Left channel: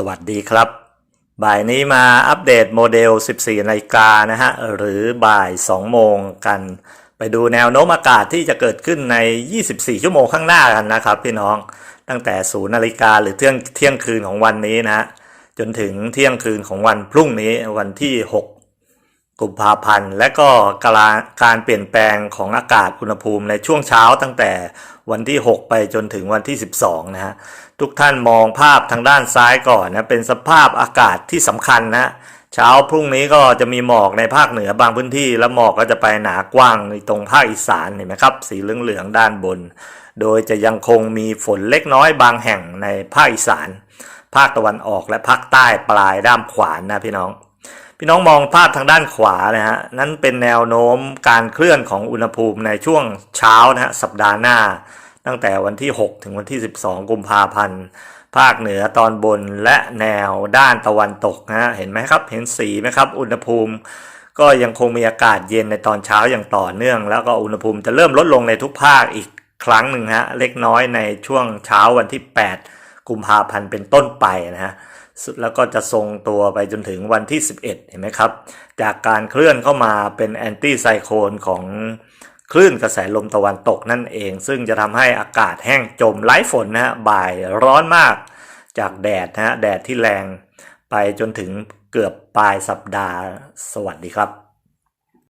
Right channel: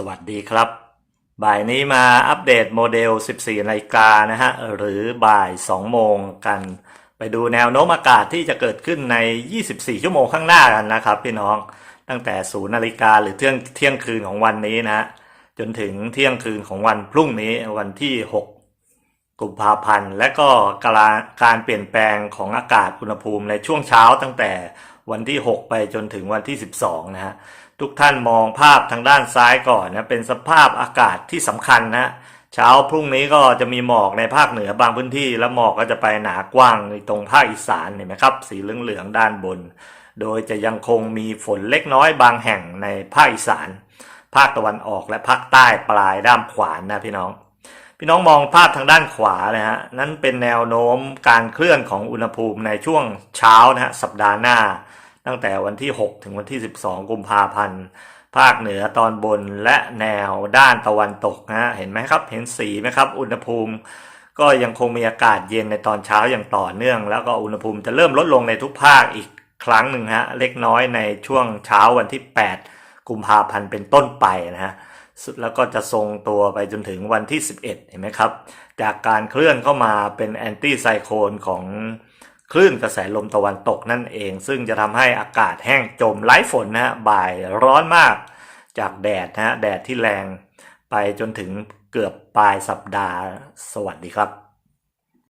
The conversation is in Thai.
สวัสดีครับ บ่ายนี้มาอัปเดตโมเดล 14นาฬิกานะฮะ หรือบ่าย 2 โมงกัน ไปดูแนวโน้มอากาศที่จะเกิดขึ้นใน 24 ชั่วโมงข้างหน้ากันนะครับพี่น้อง ตั้งแต่ 0นาฬิกาหรือเที่ยงเที่ยงคืนของวันนี้นะฮะจนถึงเที่ยงคืนของวันพรุ่งนี้วันที่ 6 กุมภาพันธ์ และก็การการเปลี่ยนแปลงของอากาศอุณหภูมิในช่วงเช้าตั้งแต่ วันที่ 6 ไปจนถึงวันที่ 12 นะฮะ ทุกท่านมองภาพทางด้านซ้ายก่อนนะ เป็นสภาพอากาศที่สำคัญนะ เช้าพรุ่งนี้ก็จะมีหมอกในภาคเหนือบางพื้นที่ แล้วหมอกก็จะไปหนากว้างในตรงภาคอีสานเห็นไหมครับ สีเหลืองๆด้านบน โดยจะยังคงมีฝนเล็กน้อยบางแห่งในภาคอีสาน ภาคตะวันออกและภาคใต้ปลายด้ามขวานนะพี่น้อง พี่น้องมองภาพทางด้านขวานะฮะนั่นเป็นแนวโน้มการเคลื่อนของอุณหภูมิในช่วงเช้านะฮะสัปดาห์หน้า ตั้งแต่วันที่ 6 ถึงวันที่ 12 กุมภาพันธ์ภาคเหนือตอนบนและแนวด้านตะวันตกนะฮะเห็นไหมครับเห็นสีไหมครับ อุณหภูมิ ก็ยังคงมีอากาศเย็นในตอนเช้าอย่างต่อเนื่อง แล้วก็อุณหภูมิจะเริ่มลดลงในทุกภาคอีกครั้งหนึ่งฮะเล็กน้อยในช่วงเช้าวันที่ 8 กุมภาพันธ์เป็นต้นไปนะฮะแล้วก็จะทรงตัวไปจนถึงวันที่ 11 เห็นไหมครับ จากการเคลื่อนเข้ามาเป็นแอนตี้ไซโคลนของคลื่นกระแสลมตะวันตกนั่นเอง ซึ่งจะทำให้อากาศแห้งจมไร้ฝนนะฮะบ่ายร้อนมาก จากแดดนะฮะแดดที่แรงไปจนถึงเกือบปลายสัปดาห์สวัสดีครับ